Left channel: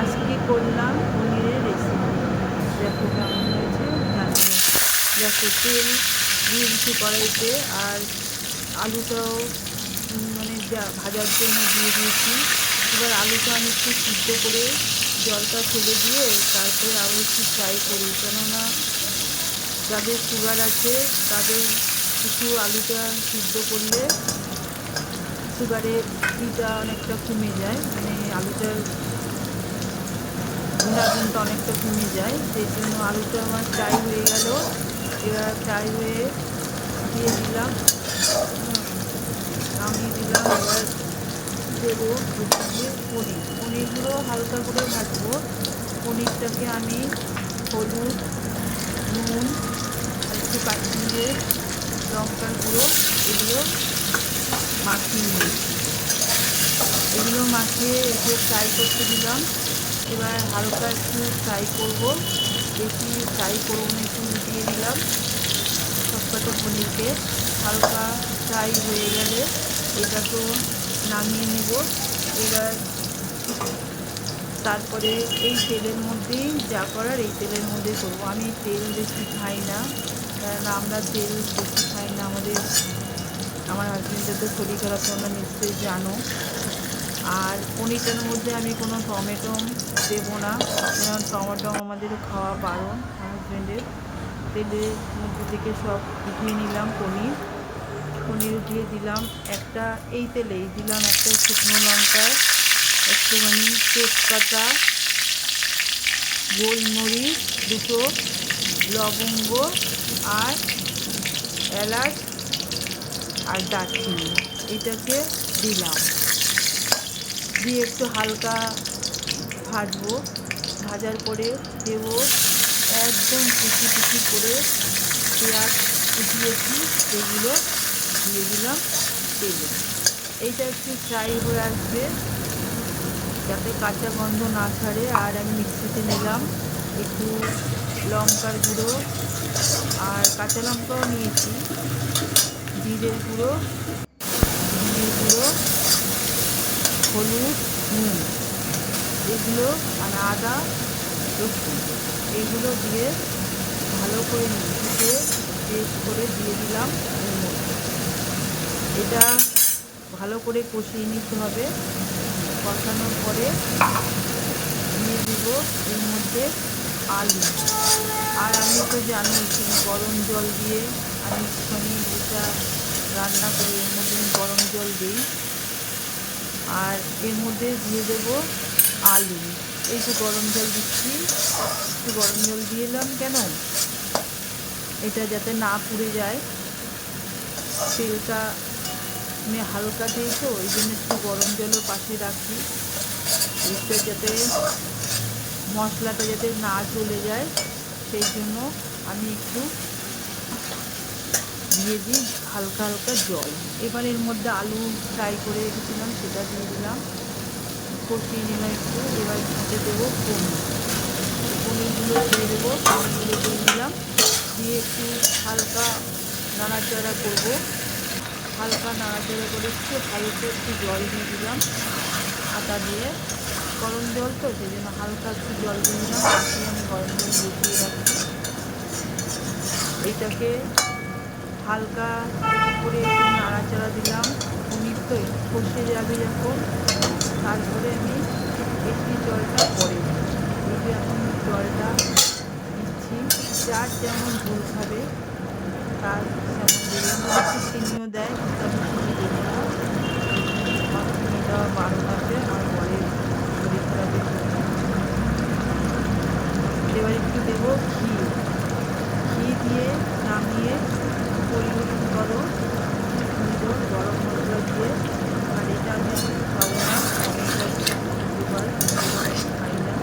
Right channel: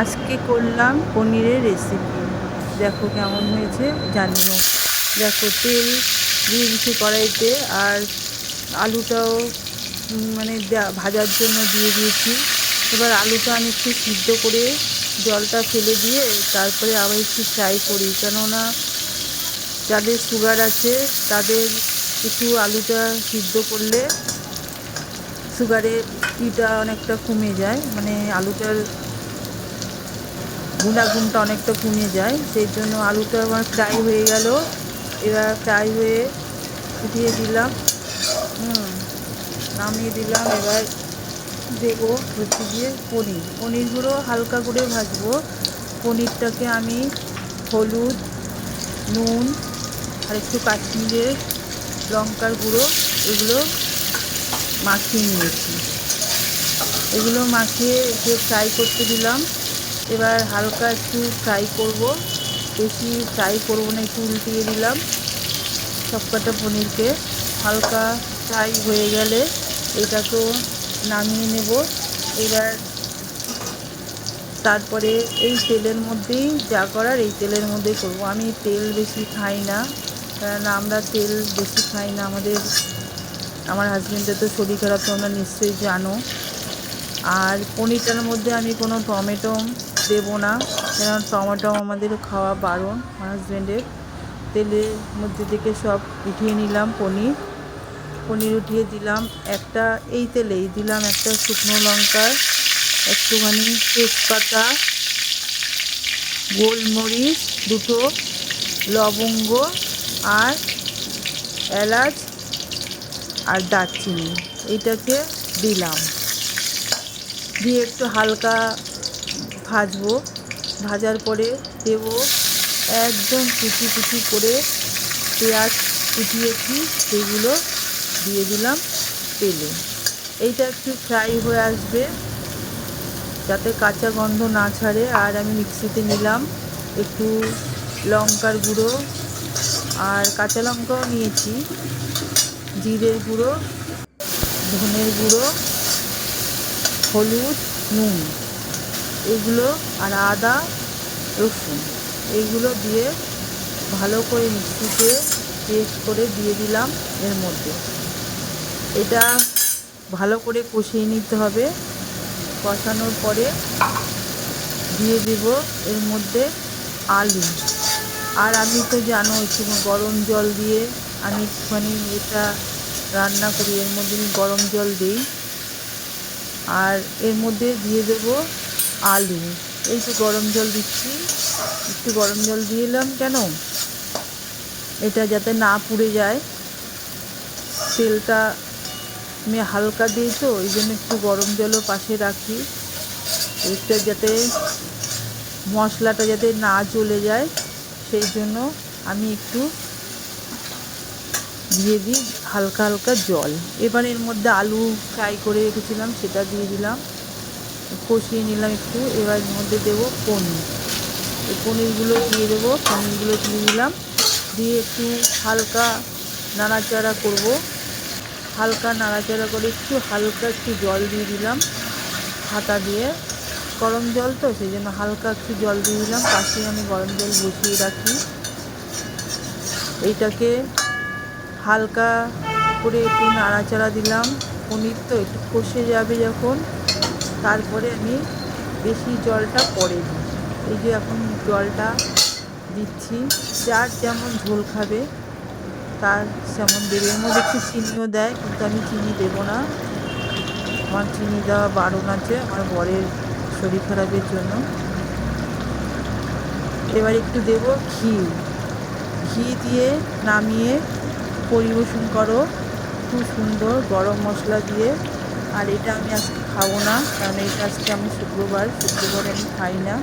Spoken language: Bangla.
আজকে করলাম পনিরের রেসিপি দেখো কেমন হয়েছে, জানি না। দেখো তেল দিয়ে দিচ্ছি কড়াইতে আর আলুটাও মানে ভাজার জন্য দিয়ে দিয়েছি। এবার আলুটা আমি একটু সিদ্ধ করে জলটা ফেলে দিয়ে তারপরে আবার একটু ফ্রাই করি। কেননা যাদের সুগার আছে, তাদের একটু আলুটা সিদ্ধ করলে সুগারের ইটা অনেকটা কমে যায়। মানে আলুটার গুণাগুণটা অনেকটা কমে যায়, সেই জন্য আলুটা আমার ফ্রাই হয়ে গেল। এবার ফ্রাই হয়ে ফুটিয়ে দিলাম। নামিয়ে দিলাম। এবার দেবো হচ্ছে গিয়ে পনির। পনিরগুলো হালকা করে ভাজবো। পনিরটাকে আমি হলুদ, নুন আর একটু কাশ্মীরে লঙ্কার গুঁড়ো এগুলো মাখিয়ে নিয়েছি। এগুলো মাখিয়ে ফ্রাই করতে দিলাম। এবার হালকা একটু ফ্রাই করব। বেশি ফ্রাই করব না, একটু উল্টিয়ে দিলাম। সবকটা পনিরকে হালকা ফ্রাই হয়ে গেলে এটাকেও নামিয়ে নেব। এবার তারপরে এই তেলের মধ্যেই যা করার এই তেলের মধ্যেই করব। আমি তেল বেশি খাই না, কারণ আমরা তেল বেশি খাই না। আমাদের, আমার হাজবেন্ডের তো শরীর খারাপ তোমরা নিশ্চয়ই জানো। আর পনিরটার মধ্যে আমি কোনো টমেটো দেবো না। কারণ টমেটো আমাদের খাওয়া বারণ হাজবেন্ডের তেলের মধ্যে থেকে সব উঠিয়ে নিলাম পনির। পনির উঠিয়ে দিলাম একটা, এই তেলেই দিলাম একটা শুকনো লঙ্কা একটুখানি তেজপাতা, গোলমরিচ, দুটো লবঙ্গ আর এলাচ আর দারচিনি। এইটাকে দিলাম। দিয়ে একটু হালকা ভাজবো। ভাজার পরে দেব একদম কুচি কুচি করে পেঁয়াজ কুচিয়েছি সেগুলো দিয়ে দিলাম তেলে। এইটা একটু ফ্রাই হয়ে আসবে। যাতে কাঁচা গন্ধ না ছাড়ে, আর আমি মিক্সিতে নিলাম একটু লঙ্কার গুঁড়ো আর কাঁচা লঙ্কাও নিয়েছি, জিরের গুঁড়ো, ধনের গুঁড়ো, হলুদ, নুন। এগুলো আর আদা রসুন। এইগুলো দিয়ে ভালো করে মিক্সিতে পেস্ট করে দিয়ে দিলাম এর মধ্যে। এটা ভালো করে কষিয়ে নিতে হবে। কষানোর পরে দিয়ে দিব এর মধ্যে আলু। আর আমি তো জানো এখানে গরম জল দিয়ে আমি একটুখানি এটা রান্না করি। এর মধ্যে গরম জল দিই। আর এর মধ্যে দিয়ে দেব আলু। এই যে গরম জল দিচ্ছি, একটু গরম জল দিয়ে এলাম কেন? এটা যাতে না পুড়ে যায়। তেলটা আমি হালকা দিই তো ওই জন্য একটু গরম জলও পাশে রাখি। এটা যাতে মশলাটা যাতে না চলে যায়, সেই জন্য আমি একটু দিয়ে দিই হালকা হালকা জল। এবার এর মধ্যে আলু ফ্রাই করে রেখেছিলাম, সেটা দিয়ে দিলাম। কষিয়ে নিলাম একটু, এবার মধ্যে দেবো পনির। পনিরগুলো দিয়ে দেবো, পনিরগুলো দিয়ে দিলাম। দিয়ে একটু হালকা নাড়াচাড়া করব। হালকা নাড়াচাড়া করে একটু হালকা একটু জল দিয়ে দিলাম হাতা দিয়ে। গরম জল তো, সেই জন্য হালকা একটু জল দিয়ে দিলাম পাশে আমি গরম জল বসিয়ে রাখি। এইটাকে হালকা করে একটু নাড়াচাড়া দিলাম। পনির তো একটু কষে যাবে যখন। তারপরে আমি বেশি জলটা পরে এই যে এখন জলটা দিচ্ছি, যার যেমন ঝোল খাবে, তার যেমন দেবে। এর মধ্যে একটু চিনিও দেয়, কিন্তু আমি চিনি দেবো না। আমার চিনি দেওয়া বারণ আছে আমার বরের শরীর খারাপের জন্য। এবার একটু দেবো ঘি। ঘি দিয়ে নামিয়ে পরিবেশন করো। খুব সুন্দর গরম মশলা দিয়ে আর এটা আমি আজকে খাব না। কারণ এটা আজকে আমি শুক্রবার শুক্রবার আমি খাই না।